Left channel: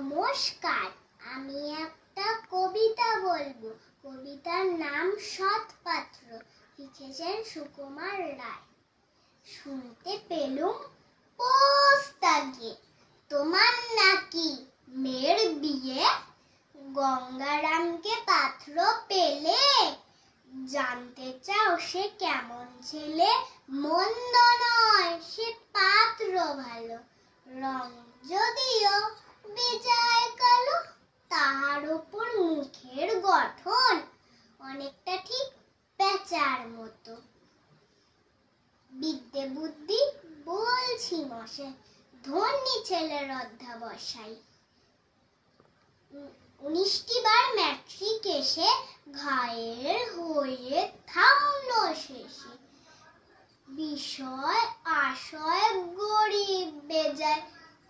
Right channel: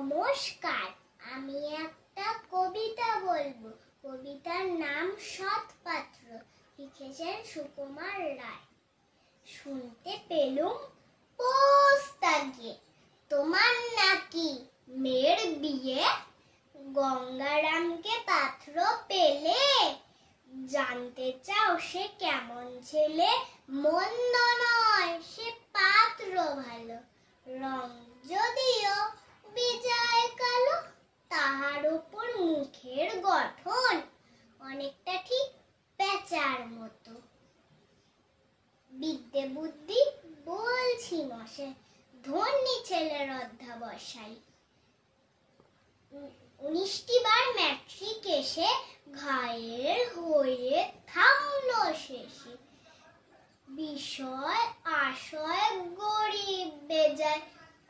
নমস্কার, আমি একটা কবিতা বলবো। কবিতার নাম সৎপাত্র, লিখেছেন সুকুমার রায়। শুনতে পেলুম পোস্তা গিয়ে, তোমার নাকি মেয়ের বিয়ে। গঙ্গারামকে পাত্র পেলে, জানতে চাও সে কেমন ছেলে। মন্দ নয় সে পাত্র ভালো, রং যদিও বেজায় কালো। তাহার উপর মুখের গঠন অনেকটা ঠিক পেঁচার মতো। বিদ্যে বুদ্ধি বলছি মশে, ধন্যী ছেলের অধ্যাবসায়। 19টি বার ম্যাট্রিক এসে ঘায়ের হয়ে থামলো শেষে। বিষয় আশয় গরিব বেজায়,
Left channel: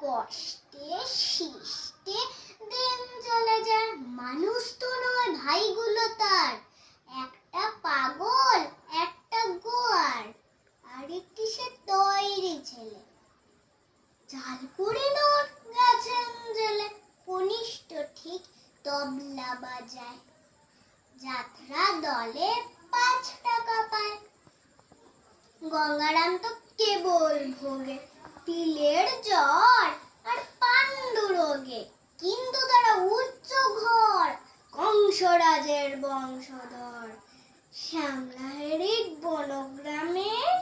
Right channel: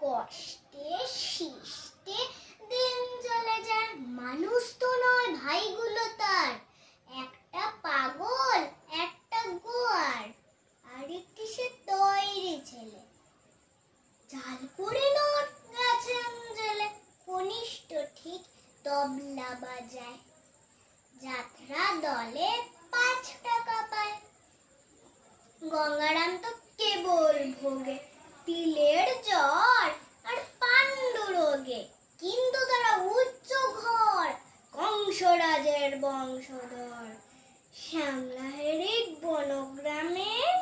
কষ্টে শিষ্টে দিন চলে যায়। মানুষ তো নয় ভাইগুলো তার, একটা পাগল একটা গোয়ার, আর একটি সে তৈরি ছেলে। চাল করে নোট গেছেন জেলে, কনিষ্ঠ ঠিক তবলা বাজায়। যাত্রা দলে 5 টাকা পায়। গঙ্গারাম তো কেবল ভোগে তিলের জ্বর আর পাণ্ডু রোগে। কিন্তু তারা উচ্চ ঘর, কংসরাজের বংশধর। শ্যামলাহেরি বনগ্রামের